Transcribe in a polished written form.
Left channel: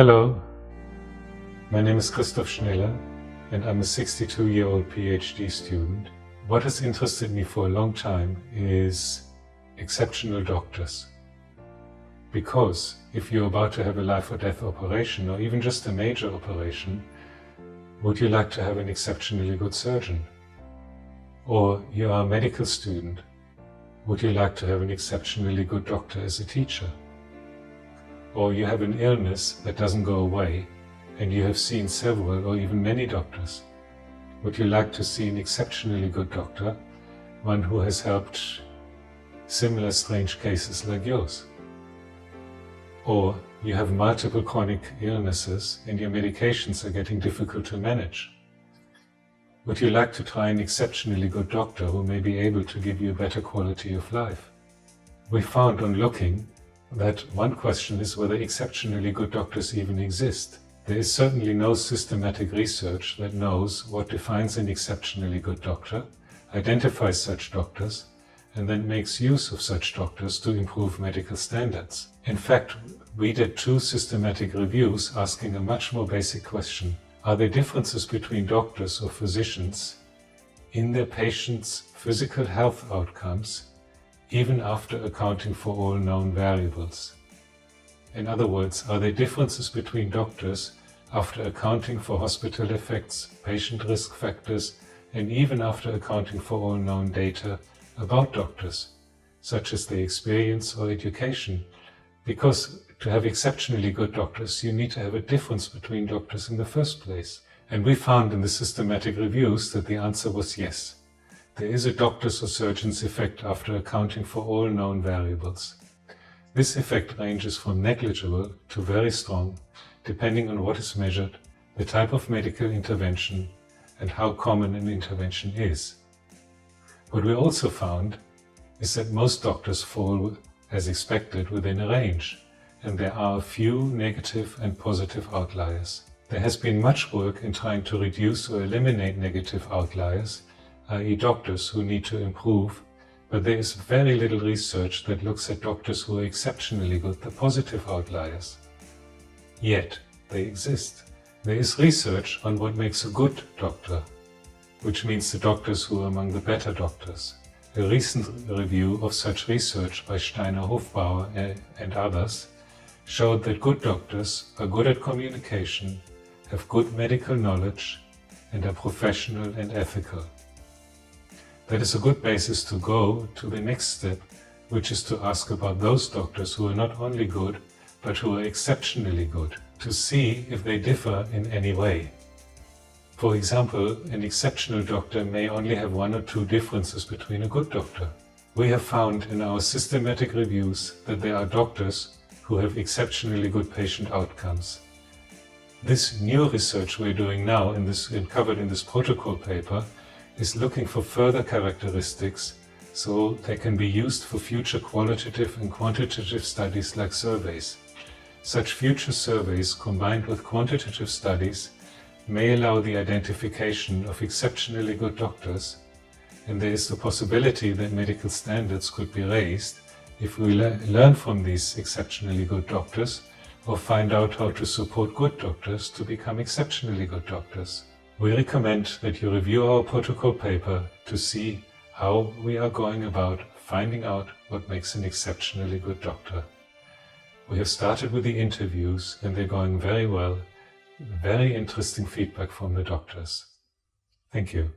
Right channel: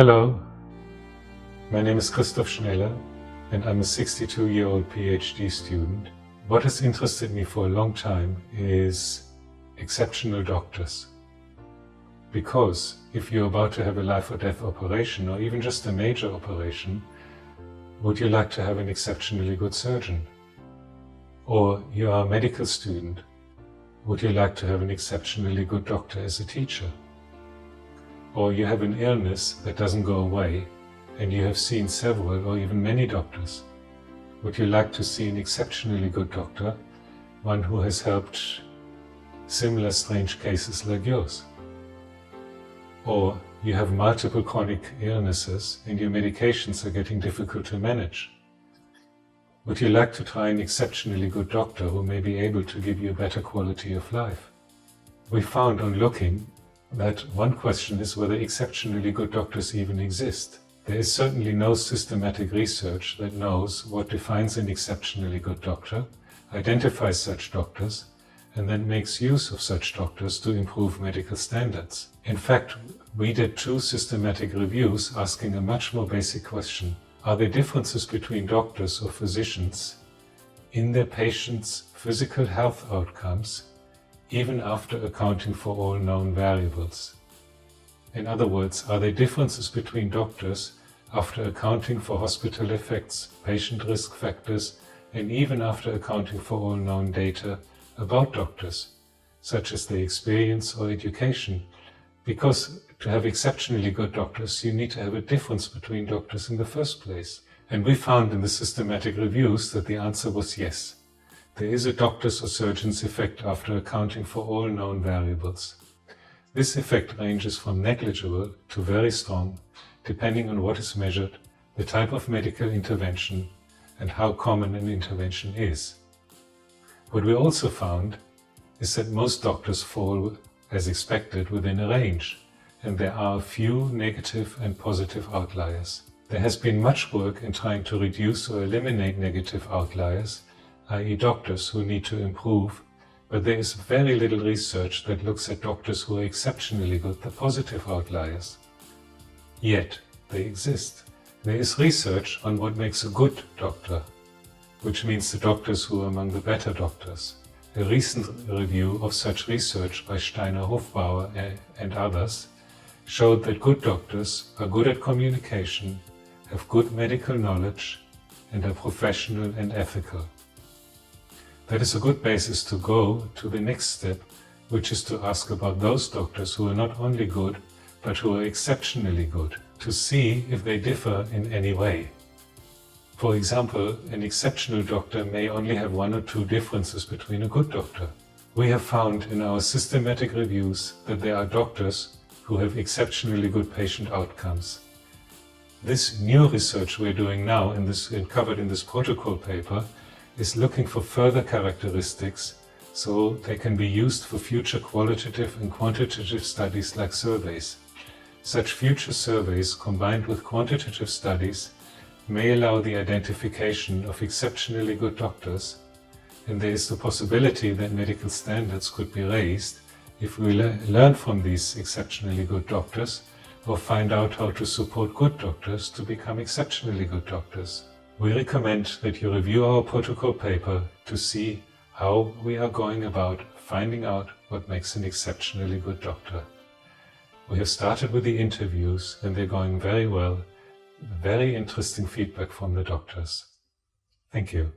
Hello, my name is Christoph Schneller and I'm a 62-year-old PhD student. What has interested me for a long time is exceptional doctors. Because if you're about to have a life or death operation or even just a major operation, would you like to have an exceptionally good surgeon? Or you are a medical student, would you like to have an exceptionally good doctor as a teacher? Or you have an illness that doesn't go away and you have seen several or even many doctors. Would you like to see an exceptionally good doctor, one who has helped similar strange cases like yours? Or you have multiple chronic illnesses and your medications are getting difficult to manage. Would you like to try an exceptionally good doctor who may be able to give you a better quality of life? We found on looking that one question is whether exceptionally good doctors even exist. There is certainly no systematic research that knows what defines an exceptionally good doctor, identifies such doctors, and then makes use of such doctors to improve medical standards. In fact, we did 2 systematic reviews asking a much more basic question. Are there differences between doctors or physicians in their patients' physical health outcomes even after accounting for all known variables? In other words, are there differences between doctors after accounting for hospital effects, patient risk factors, and even after accounting for all known data about doctors, such as their experience or education? Because to have exceptionally good doctors, you need to have a difference between doctors in the first place. And we found in the systematic reviews that the answer was yes. There is a doctor's or surgeon's effect after accounting for all known variables. This effect ranges from negligible to very strong, depending on what is measured, the type of medical intervention, and how common an intervention is. What we also found is that most doctors fall, as expected, within a range, and there are a few negative and positive outliers. There has been much work in trying to reduce or eliminate negative outliers, i.e. doctors who need to improve, but there is very little research that looks at doctors who are exceptionally good, the positive outliers. Yet, they exist. There is research on what makes a good doctor, which means the doctors who are among the better doctors. A recent review of such research by Steiner-Hofbauer and others showed that good doctors are good at communication, have good medical knowledge, and are professional and ethical. That is a good basis to go to the next step, which is to ask about those doctors who are not only good, but who are exceptionally good, to see if they differ in any way. For example, an exceptional doctor may only have 1 or 2 differences between a good doctor. We have found in our systematic reviews that there are doctors who have exceptionally good patient outcomes. This new research we're doing now and covered in this protocol paper is looking for further characteristics so they can be used for future qualitative and quantitative studies like surveys. Such future surveys combined with quantitative studies may allow the identification of exceptionally good doctors, and there is the possibility that medical standards could be raised if we learn from these exceptionally good doctors or find out how to support good doctors to become exceptionally good doctors. We recommend that you review our protocol paper to see how we are going about finding out what makes an exceptionally good doctor. We have started with the interviews and they're going very well. Very interesting feedback from the doctors. Thank you.